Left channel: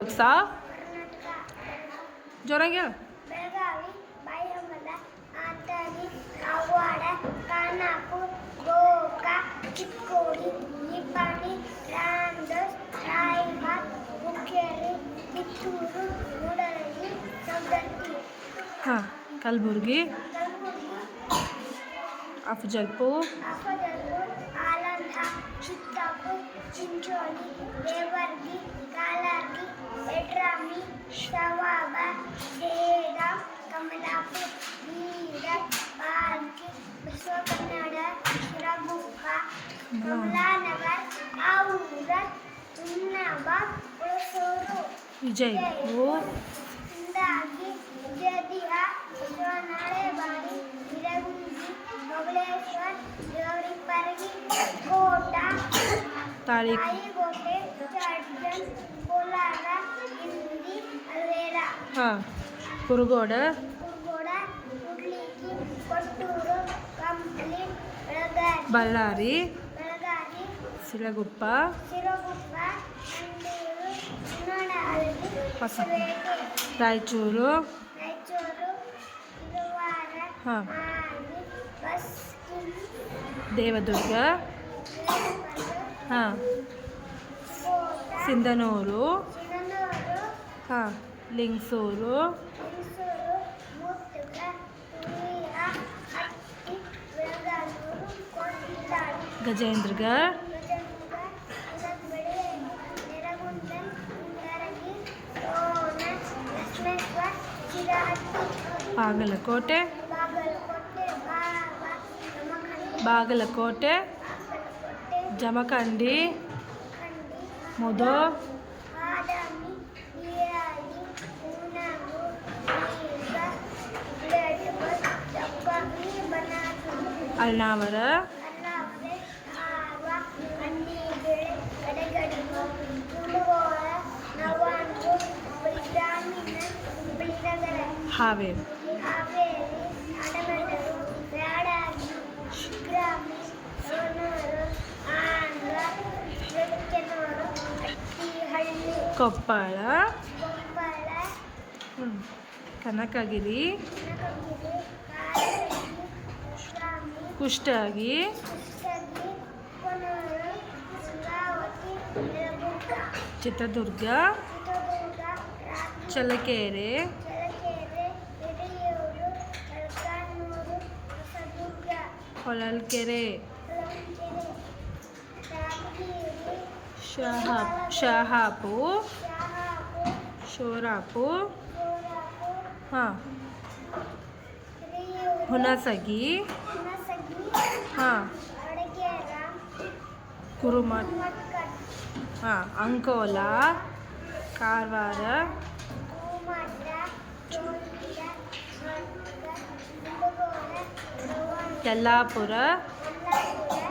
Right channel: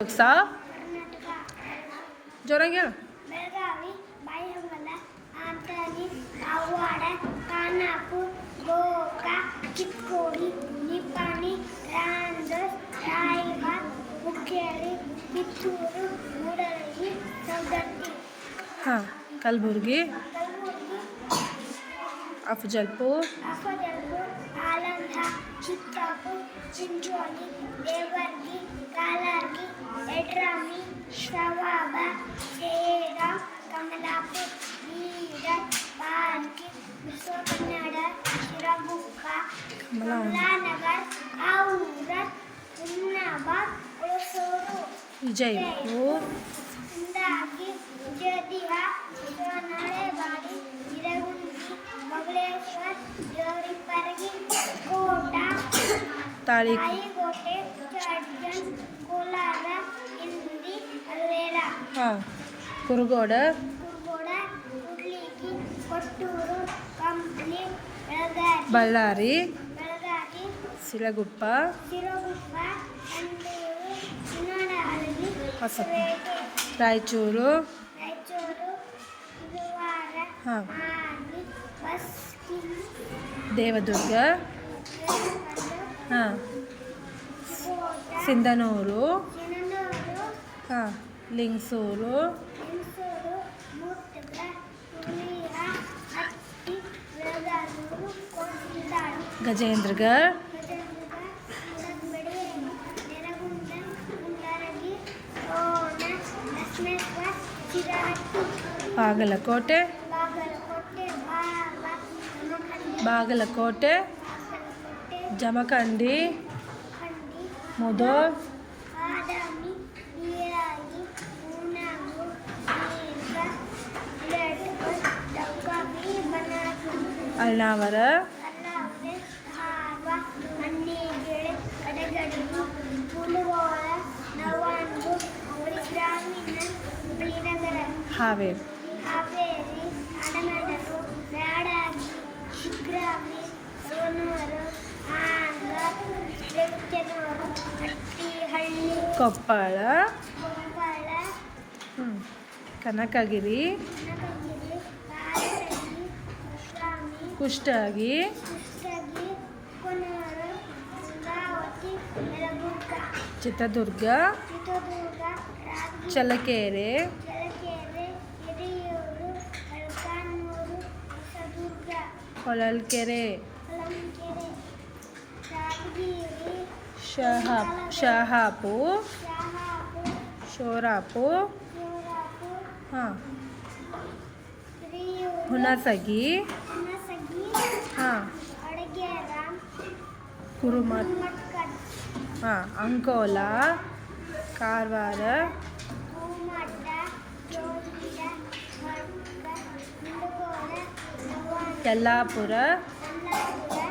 ಸ ಜೋರಾಗಿ ಹೇಳು. ಬೆಳಗಾವಿ, ಬಾಯಮಲ, ಆಂತರಿ, ಕಾಗವಾಡ, ಖಾನಾಪುರ, ಗೋಕ, ಚಿಕ್ಕೋಡಿ, ನಿಪ್ಪಾಣಿ, ರಾಮದುರ್ಗ, ರಾಯಬಾಗ, ಹುಕ್ಕೇರಿ, ಕಿತ್ತೂರು, ಮೂಡಲಗಿ, ಸವದತ್ತಿ, ಹಾಂ ಕಲಬುರ್ಗಿ, ಅಫಜಲ್ಪುರ್, ಆಲಂದ, ಚಿತ್ತಾಪುರ, ಚಿಂಚೋಳಿ, ದೇವರ್ಗಿ, ಕಾಲರ್ಗಿ, ಯಡ್ರಾಮಿ, ಶವಾಬ, ಸೇಡಂ, ಕಮಲಾಪುರ, ಬೀದರ್, ಬಾಲ್ಕಿ, ಬಸವಕನ್ನಡ, ಶಿರಗುಪ್ಪ, ಕಮಲಾನಗರ, ಔರಾದ್, ಹುಮ್ನಾಬಾದ್, ಹುಣಸೂರು, ವಿಜಯಪುರ, ಇಂದಾಗಿ, ಜದಿಹ, ಬಸವನಹಳೆಬಾಡಿ, ಇರಗುಂದಿ, ಬಬಲೇಶ್ವರ, ದೇವರಿಪ್ಪರಗಿ, ಕೋಟ, ತಾಳಿಕೋಟೆ, ಚಾರ್ಜನ್, ಕೋಲಾರ, ಇಂಡಿ, ಅಲ್ವೇರ, ಹಾಂ ಕುರುಗೋಡ, ಕುಡ್ಲಿಗಿ, ಕೊಟ್ಟೂರು, ಕಂಪ್ಲಿ, ಬಳ್ಳಾರಿ, ಬೆಳಗಾವಿ, ಸಿರಗುಪ್ಪ, ಸಿರಗುಪ್ಪ, ಅಂದೂರು, ಚಿನ್ನಡಹಳ್ಳಿ, ಹೊಸಪೇಟೆ, ರಾಯಚೂರು, ಗುರುವಾರ, ಹಾಂ ಮಾಣಿ, ಬಸ್ಕಿನ್, ದೇವದುರ್ಗ, ಹಾಂ ಕೋಟ, ಸಿಂಧನೂರು, ಚಿನ್ನನೂರು, ಹಾಂ ಲಿಂಗಸೂರು, ಲಿಂಗಸೂರು, ಮುತ್ತಗ, ಹುಲಿಯ, ಹಟ್ಟಿ, ಬೆಳಗಾನೂರು, ಕೋಟಿದಾಳಿ, ಗಜೇಂದ್ರಗಢ, ಗಜೇಂದ್ರಗ, ಇರದ್ಬಡಿ, ನೆರಗುಂದನ್, ಇಂದರಗಿ, ಕೋನ, ಲಕ್ಷ್ಮೇಶ್ವರ, ಚಿರಹಟ್ಟಿ, ಬಾಗಲಕೋಟೆ, ಬಾಗಲಕೋಟೆ, ಜಮಖಂಡಿ, ಖಂಡಿ, ಮುದೋ, ಬಾದಾಮಿ, ಹಿರಿಯಾಗಿ, ಹೂನಾಗು, ಬೀಗ, ಬೆಳಗಲ್, ಜಕ್ಕಗಿ, ಬನಾತೂರು, ಅಳ್ನಾವರ, ಅರ್ನಾವರೆ, ಹಾರ್ವ, ಮಣ್ಣಿಬೇಳೆ, ಕಡೆಗಡಗು, ಮುಳುಗೋಳ, ನವಾನ್ಗು, ಗ್ರಾಮೀಣ, ಬೀರಗರ, ಹಾವೇರಿ, ಹಾವೇರಿ, ಹಣಮೆಣರು, ರಾಡಾಗಿ, ಶಿಗ್ರಾಮಿ, ಸವಣೂರು, ಆಂಧ್ರ, ಬೆಚ್ಚನೂರು, ಹಟ್ಟಿಹಳ್ಳಿ, ಕೊಪ್ಪಳ, ಕೊಪ್ಪಳ, ಕನಕಗಿರಿ, ಕನಕಗಿರಿ, ಕಾರಟಗಿ, ಕುಷ್ಟಗಿ, ಕುಷ್ಟಗಿ, ಕೊನೂರು, ಗಂಗಾವತಿ, ಯಲಬುರ್ಗ, ಚಿತ್ರದುರ್ಗ, ಚಿತ್ರದುರ್ಗ, ಚಳ್ಳಕೆರೆ, ಚಳ್ಳಕೆರೆ, ಹಿರಿಯೂರು, ಮೊಳಕಾಲ್ಮೂರು, ಹೊಸದುರ್ಗ, ಹೊಳಲ್ಕೆರೆ, ಹೊಳಲ್ಕೆರೆ, ರಾಜಗಿರಿ, ಶಹಾಪುರ, ಶಹಾಪುರ, ಶೋರಾಪುರ, ಸೋಲಾಪುರ, ಹಾಂ ಹಿರಿಯೂರು, ಹುಣಸಗಿ, ಹುಣಸಗಿ, ಹಾಂ ಅಡಗೇರ, ಕುರುಮಠ, ಮಟ್ಕಡ್, ಹಾಂ ಅಂಕೋಲಾ, ಕಾರವಾರ, ಕೂಮಟ್ಟ, ಚೋಳಿಯ, ಮಟ್ಕ, ಮುಳುಗೋಳ, ಯಲ್ಲಾಪುರ, ಯಲ್ಲಾಪುರ,